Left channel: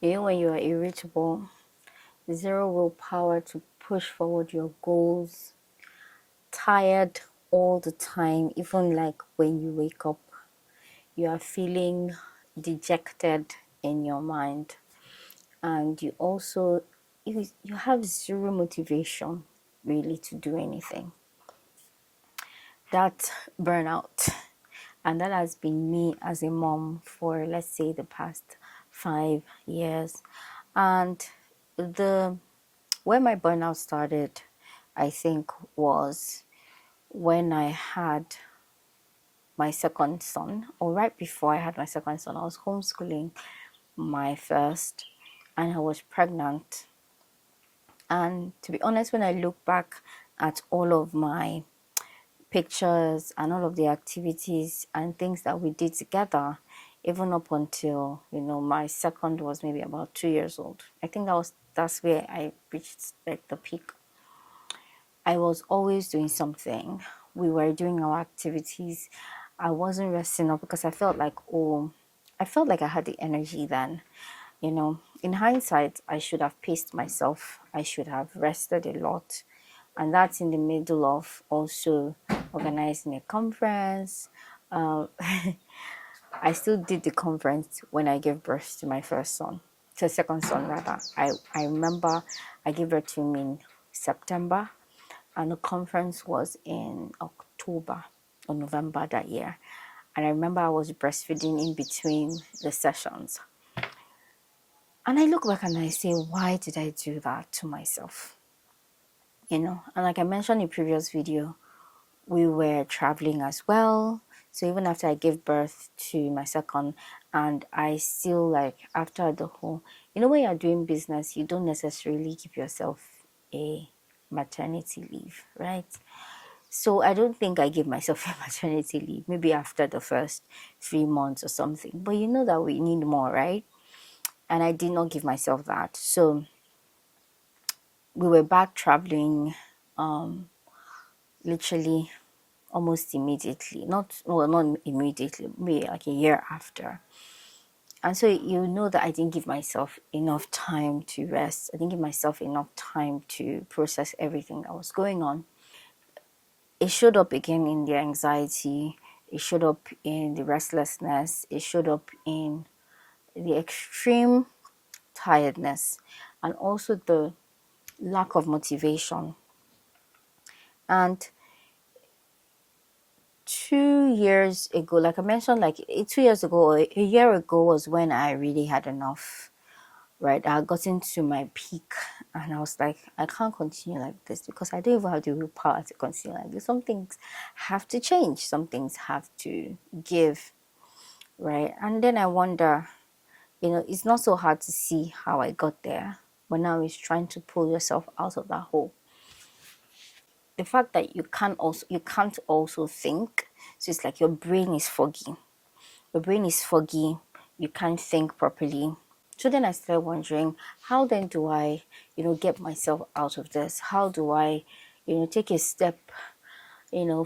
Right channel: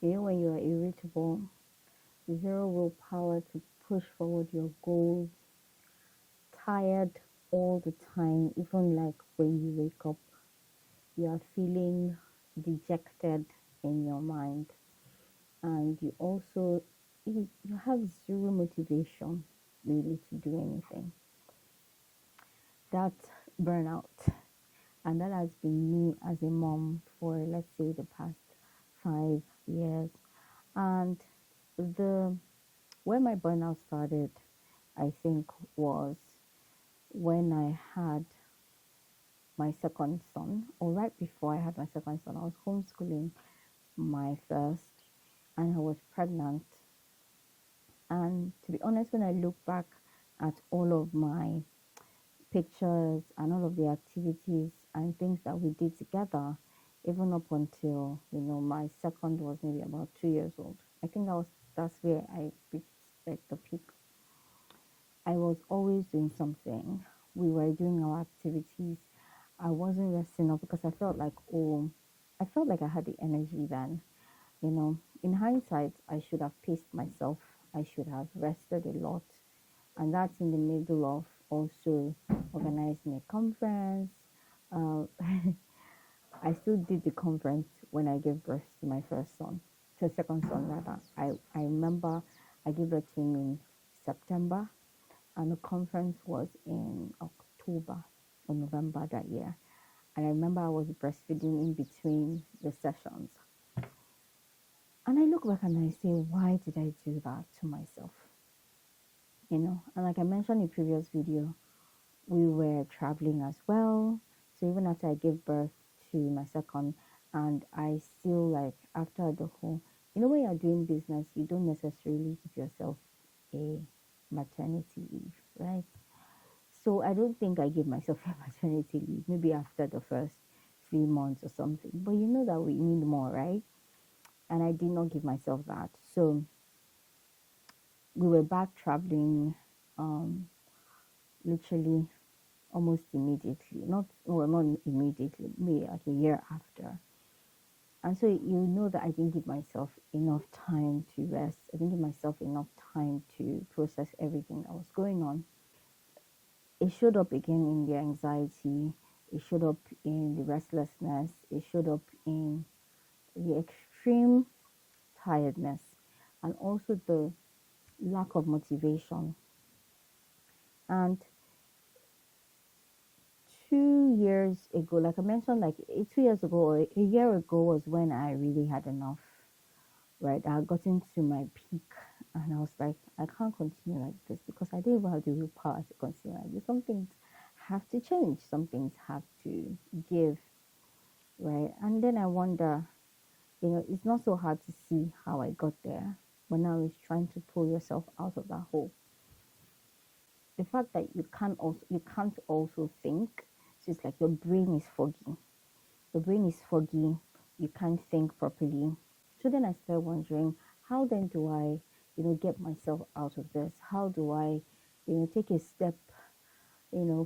When you are irritable, zero willpower to push forward your goals, tired all the time, even like when you wake up, you are feeling dejected in your mind, and you have zero motivation really to do anything. That's burnout. And that has been me as a mom for, let's say, the past 5 years. And the where my burnout started, I think, was when I had my second son, or right before I had my second son. I was homeschooling my first, and I was pregnant. And to be honest, when I look back at all of my pictures and all of the activities and things that we did together, even up until my second was maybe about 2 years old. I think that's where I reached like the peak. I was always doing something. We were doing our activities. I wasn't resting up because I felt like I had the energy then. In hindsight, I should have paced myself. I should have rested a lot. And that's in the middle of also organizing a conference. Uh, I still did the conference when I gave birth to my first son, to second son rather. I remember I gave birth to him in September, and the conference was in October or November that year. And I remember I was breastfeeding in between the sessions. And I look back and I say, why did I do that to myself? And like I mentioned in previous video, we were traveling as well. So even after I gave birth to my second, and I still like after the whole, when you're doing business, you don't necessarily give yourself a maternity leave, right? So I don't think I gave myself a maternity leave, maybe after the first 3 months or something. But you know that we need more, right? And I did not give myself that. So we were back traveling literally almost immediately. Not immediately, maybe like a year after. And so you know that I didn't give myself enough time to rest. I didn't give myself enough time to process everything that was going on. It showed up again in the anxiety. It showed up in the restlessness. It showed up in the extreme tiredness and also the lack of motivation. And 2 years ago, like I mentioned, like 2 years ago or a year ago was when I really had enough, right? I had gotten to my peak and I was like, I can't continue like this because I don't even have the willpower to continue like this. Some things have to change, some things have to give, right? And then I wonder, it's not so hard to see how I got there, but now it's trying to pull yourself out of that hole. The fact that you can't also think, so it's like your brain is foggy. You can't think properly. So then I started wondering, how then do I get myself out of this? How do I take a step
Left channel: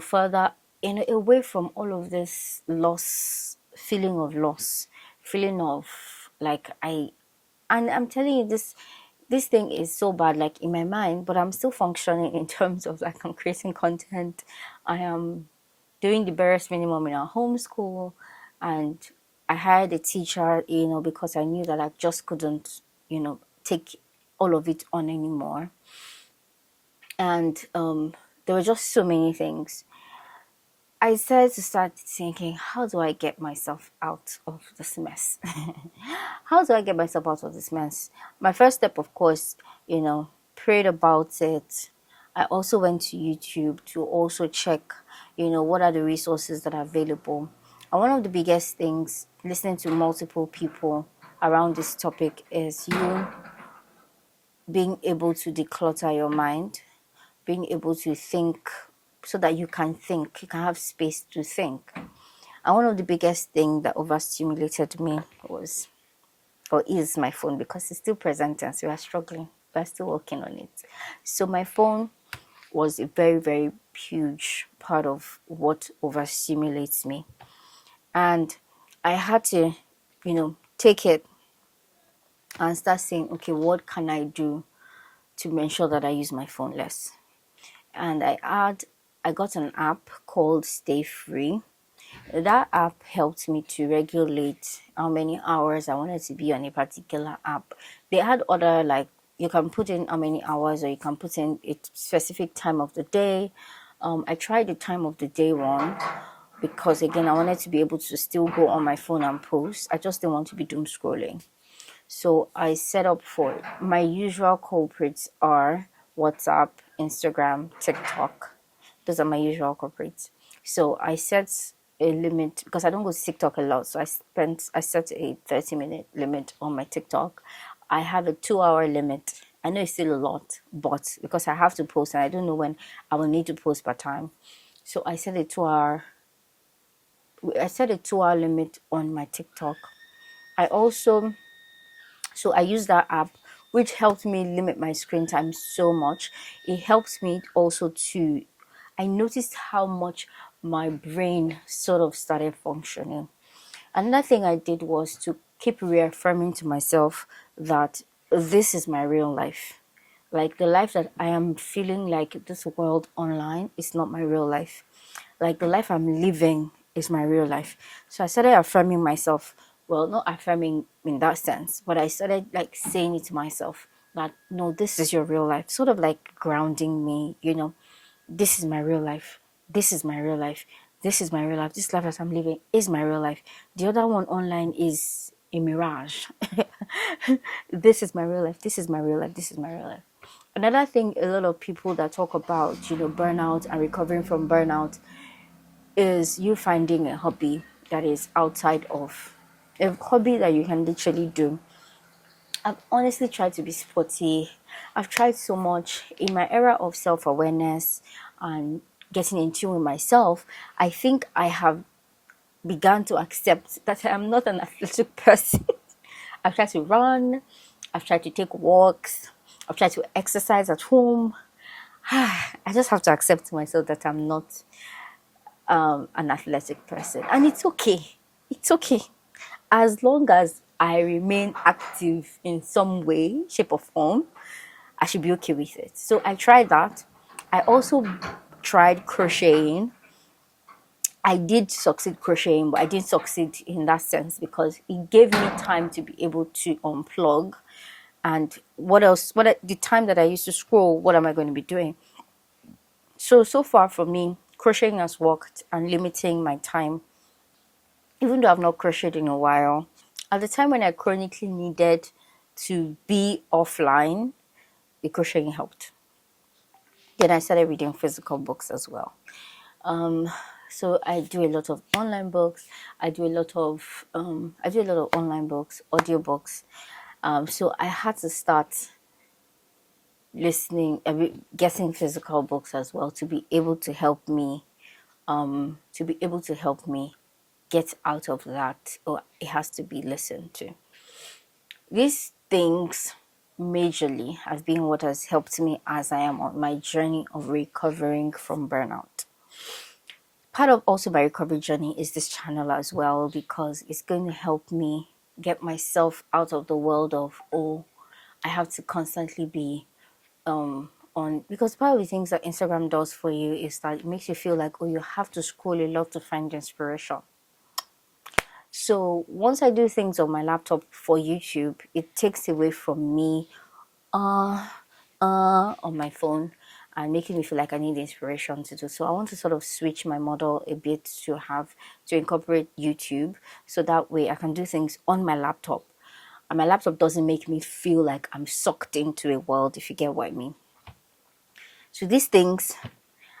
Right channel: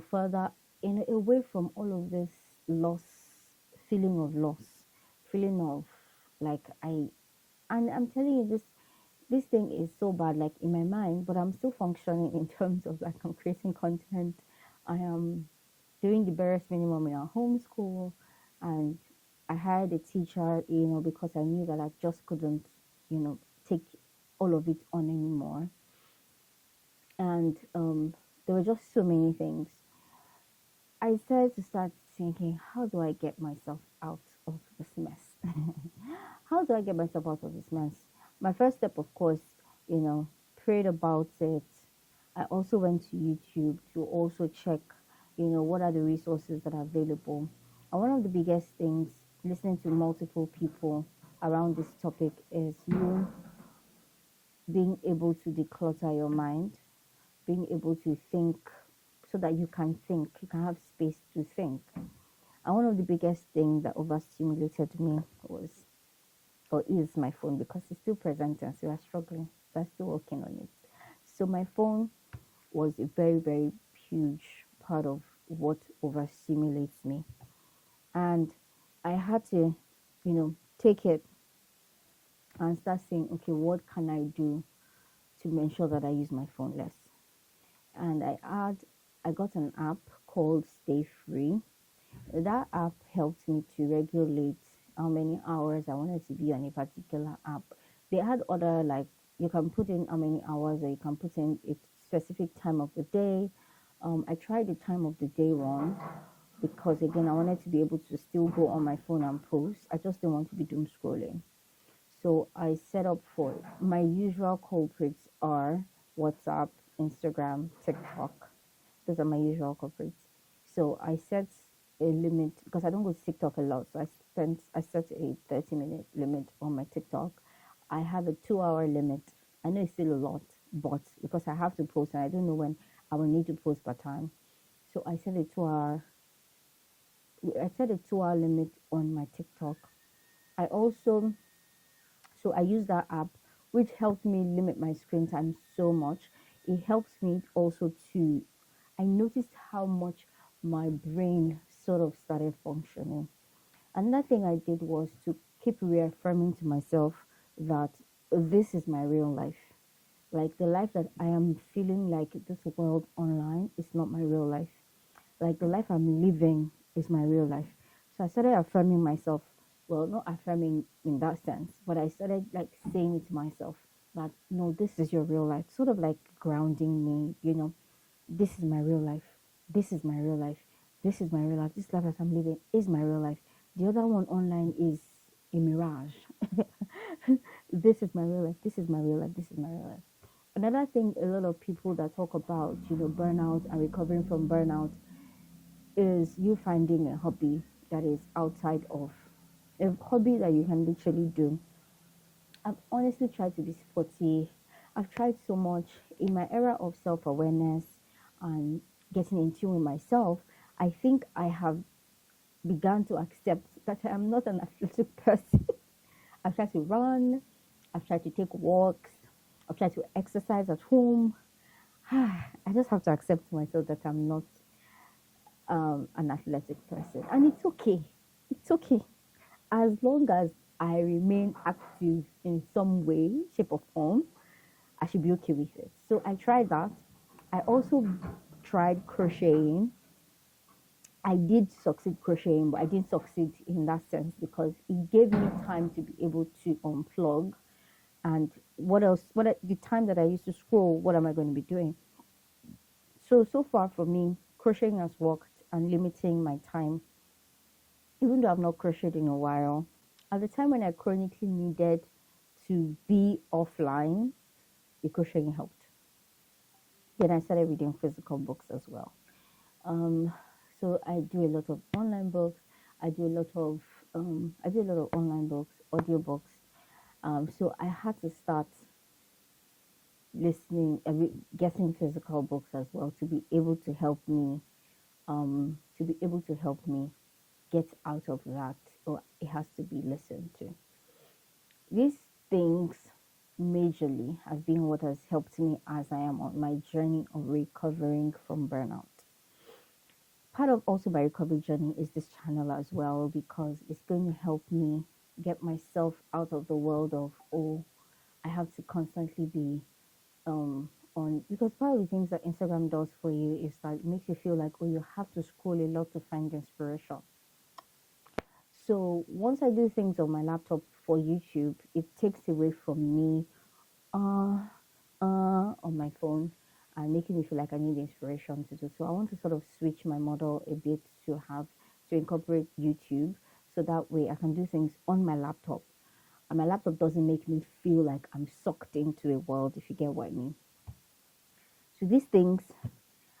further away from all of this loss, feeling of like and I'm telling you, this thing is so bad, like in my mind, but I'm still functioning in terms of like I'm creating content. I am doing the barest minimum in our homeschool, and I hired a teacher, because I knew that I just couldn't, take all of it on anymore. And there were just so many things. I started to start thinking, how do I get myself out of this mess? How do I get myself out of this mess? My first step, of course, prayed about it. I also went to YouTube to also check, what are the resources that are available. And one of the biggest things, listening to multiple people around this topic, is you being able to declutter your mind, being able to think so that you can think, you can have space to think. And one of the biggest things that overstimulated me was, or is, my phone, because it's still present and so we are struggling. We're still working on it. So my phone was a very, very huge part of what overstimulates me. And I had to, take it and start saying, okay, what can I do to ensure that I use my phone less? And I got an app called Stay Free. That app helped me to regulate how many hours I wanted to be on a particular app. They had other, like, you can put in how many hours, or you can put in a specific time of the day. I tried the time of the day one because, again, I wanted to be able to still go on my phone and post. I just didn't want to be doom scrolling. So I set up for it. My usual culprits are WhatsApp, Instagram, TikTok. Those are my usual culprits. So I set a limit because I don't go to TikTok a lot. So I set a 30-minute limit on my TikTok. I have a 2-hour limit. I know it's still a lot, but because I have to post and I don't know when I will need to post per time. So I set a 2-hour limit on my TikTok. I also So I use that app, which helps me limit my screen time so much. It helps me also to, I noticed how much my brain sort of started functioning. Another thing I did was to keep reaffirming to myself that this is my real life. Like, the life that I am feeling like this world online is not my real life. Like, the life I'm living is my real life. So I started affirming myself. Well, not affirming in that sense, but I started like saying it to myself that no, this is your real life. Sort of like grounding me, this is my real life. This is my real life. This is my real life. This life that I'm living is my real life. The other one online is a mirage. This is my real life. This is my real life. This is my real life. Another thing, a lot of people that talk about, burnout and recovering from burnout, is you finding a hobby that is outside of a hobby that you can literally do. I've honestly tried to be sporty. I've tried so much in my era of self-awareness and getting in tune with myself. I think I have begun to accept that I'm not an athletic person. I've tried to run, I've tried to take walks, I've tried to exercise at home. I just have to accept myself that I'm not an athletic person. And it's okay. It's okay. As long as I remain active in some way, shape, or form, I should be okay with it. So I tried that. I also tried crocheting. I did succeed crocheting, but I didn't succeed in that sense because it gave me time to be able to unplug. And what else? The time that I used to scroll, what am I going to be doing? So far for me, crocheting has worked and limiting my time. Even though I've not crocheted in a while, at the time when I chronically needed to be offline, the crocheting helped. Then I started reading physical books as well. So I do a lot of online books. I do a lot of online books, audiobooks. So I had to start getting physical books as well to be able to help me, get out of that, or it has to be listened to. These things majorly have been what has helped me as I am on my journey of recovering from burnout. Part of also my recovery journey is this channel as well, because it's going to help me get myself out of the world of, oh, I have to constantly be on, because part of the things that Instagram does for you is that it makes you feel like, oh, you have to scroll a lot to find inspiration. So once I do things on my laptop for YouTube, it takes away from me on my phone and making me feel like I need inspiration to do. So I want to sort of switch my model a bit to incorporate YouTube, so that way I can do things on my laptop. And my laptop doesn't make me feel like I'm sucked into a world, if you get what I mean. So these things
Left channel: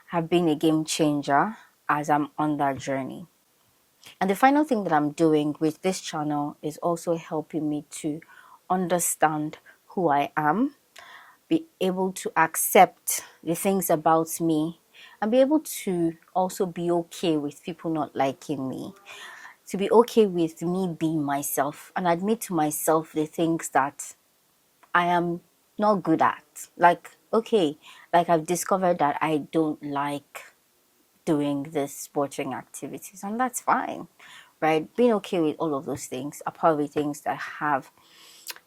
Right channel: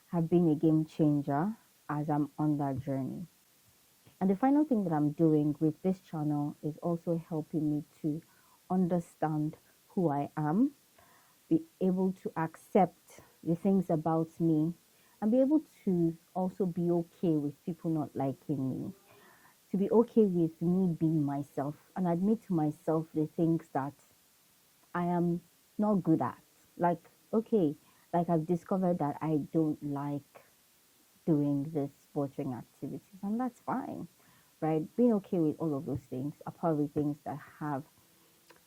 have been a game changer as I'm on that journey. And the final thing that I'm doing with this channel is also helping me to understand who I am, be able to accept the things about me, and be able to also be okay with people not liking me, to be okay with me being myself and admit to myself the things that I am not good at. Like, okay, like I've discovered that I don't like doing this sporting activities, and that's fine, right? Being okay with all of those things are probably things that have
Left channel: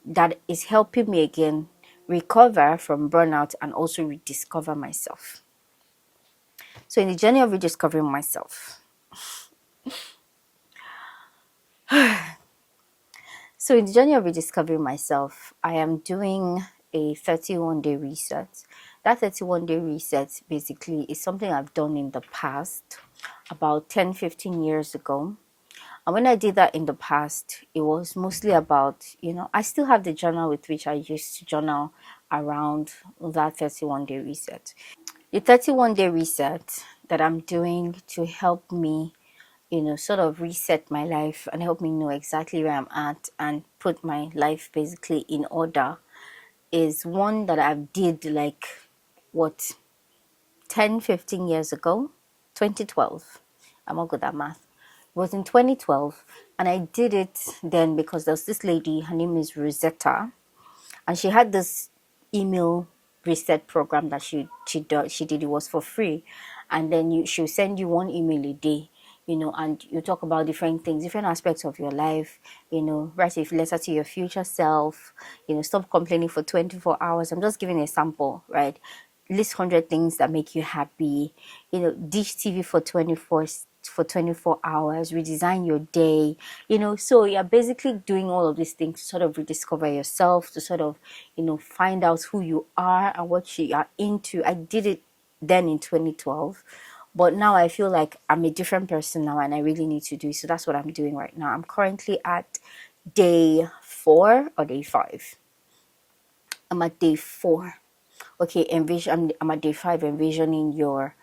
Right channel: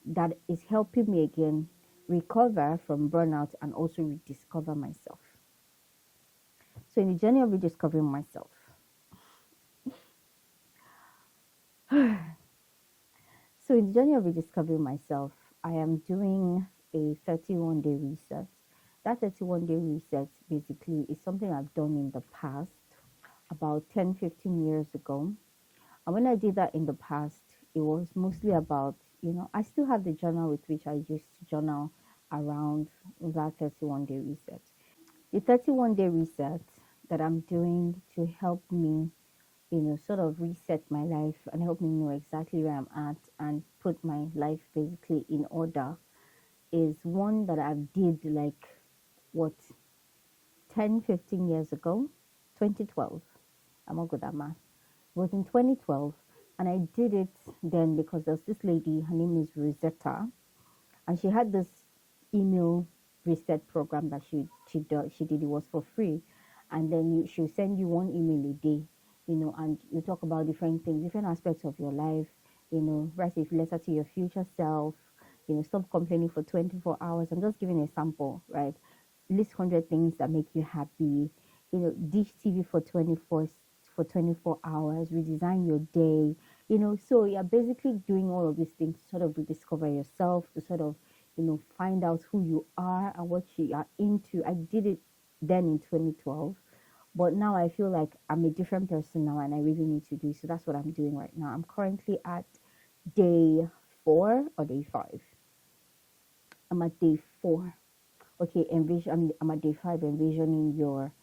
that is helping me again recover from burnout and also rediscover myself. So in the journey of rediscovering myself, I am doing a 31-day reset. That 31-day reset basically is something I've done in the past, about 10-15 years ago. And when I did that in the past, it was mostly about, I still have the journal with which I used to journal around that 31-day reset. The 31-day reset that I'm doing to help me, sort of reset my life and help me know exactly where I'm at and put my life basically in order is one that I did like, what, 10-15 years ago, 2012. I'm not good at math. It was in 2012, and I did it then because there was this lady, her name is Rosetta, and she had this email reset program that she did. It was for free, and then she'll send you one email a day, and you talk about different things, different aspects of your life, write a letter to your future self, stop complaining for 24 hours. I'm just giving a sample, right? List 100 things that make you happy, dish TV for 24 hours, redesign your day, so you're basically doing all of these things to sort of rediscover yourself, to sort of, find out who you are and what you are into. I did it then in 2012, but now I feel like I'm a different person now and I really need to do it. So that's what I'm doing right now. I'm currently at day 4 or day 5. I'm at day 4. Okay, I'm at day 5, envisioning your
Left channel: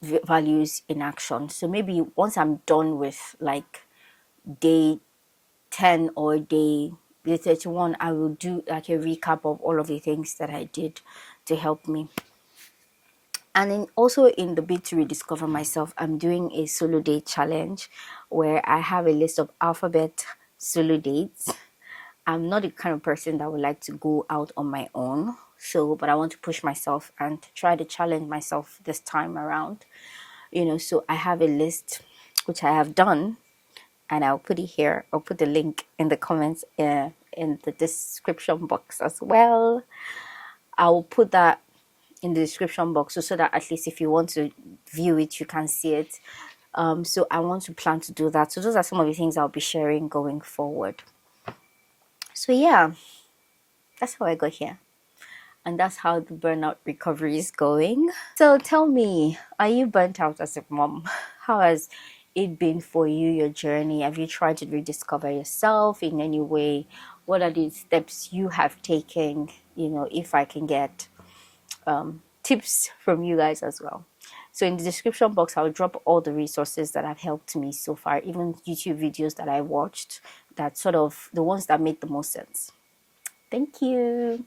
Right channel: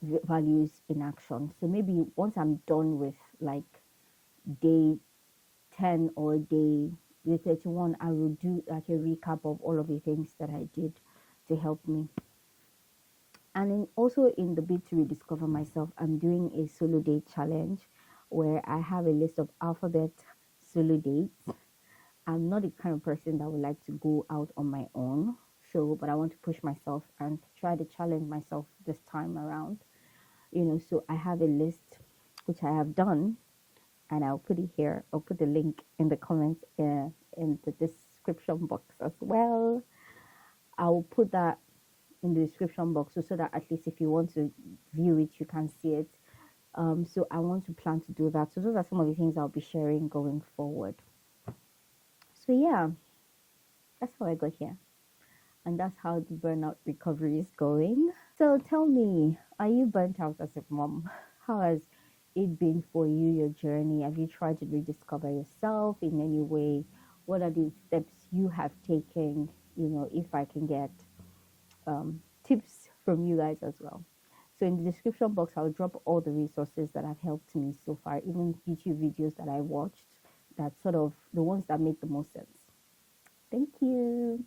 values in action. So maybe once I'm done with like day 10 or day 31, I will do like a recap of all of the things that I did to help me. And then also in the bid to rediscover myself, I'm doing a solo date challenge where I have a list of alphabet solo dates. I'm not the kind of person that would like to go out on my own. But I want to push myself and try to challenge myself this time around. So I have a list which I have done, and I'll put it here. I'll put the link in the comments, in the description box as well. I'll put that in the description box so that at least if you want to view it, you can see it. So I want to plan to do that. So those are some of the things I'll be sharing going forward. So yeah, that's how I got here. And that's how the burnout recovery is going. So tell me, are you burnt out as a mom? How has it been for you, your journey? Have you tried to rediscover yourself in any way? What are the steps you have taken? If I can get tips from you guys as well. So in the description box, I'll drop all the resources that have helped me so far, even YouTube videos that I watched, that sort of the ones that make the most sense. Thank you.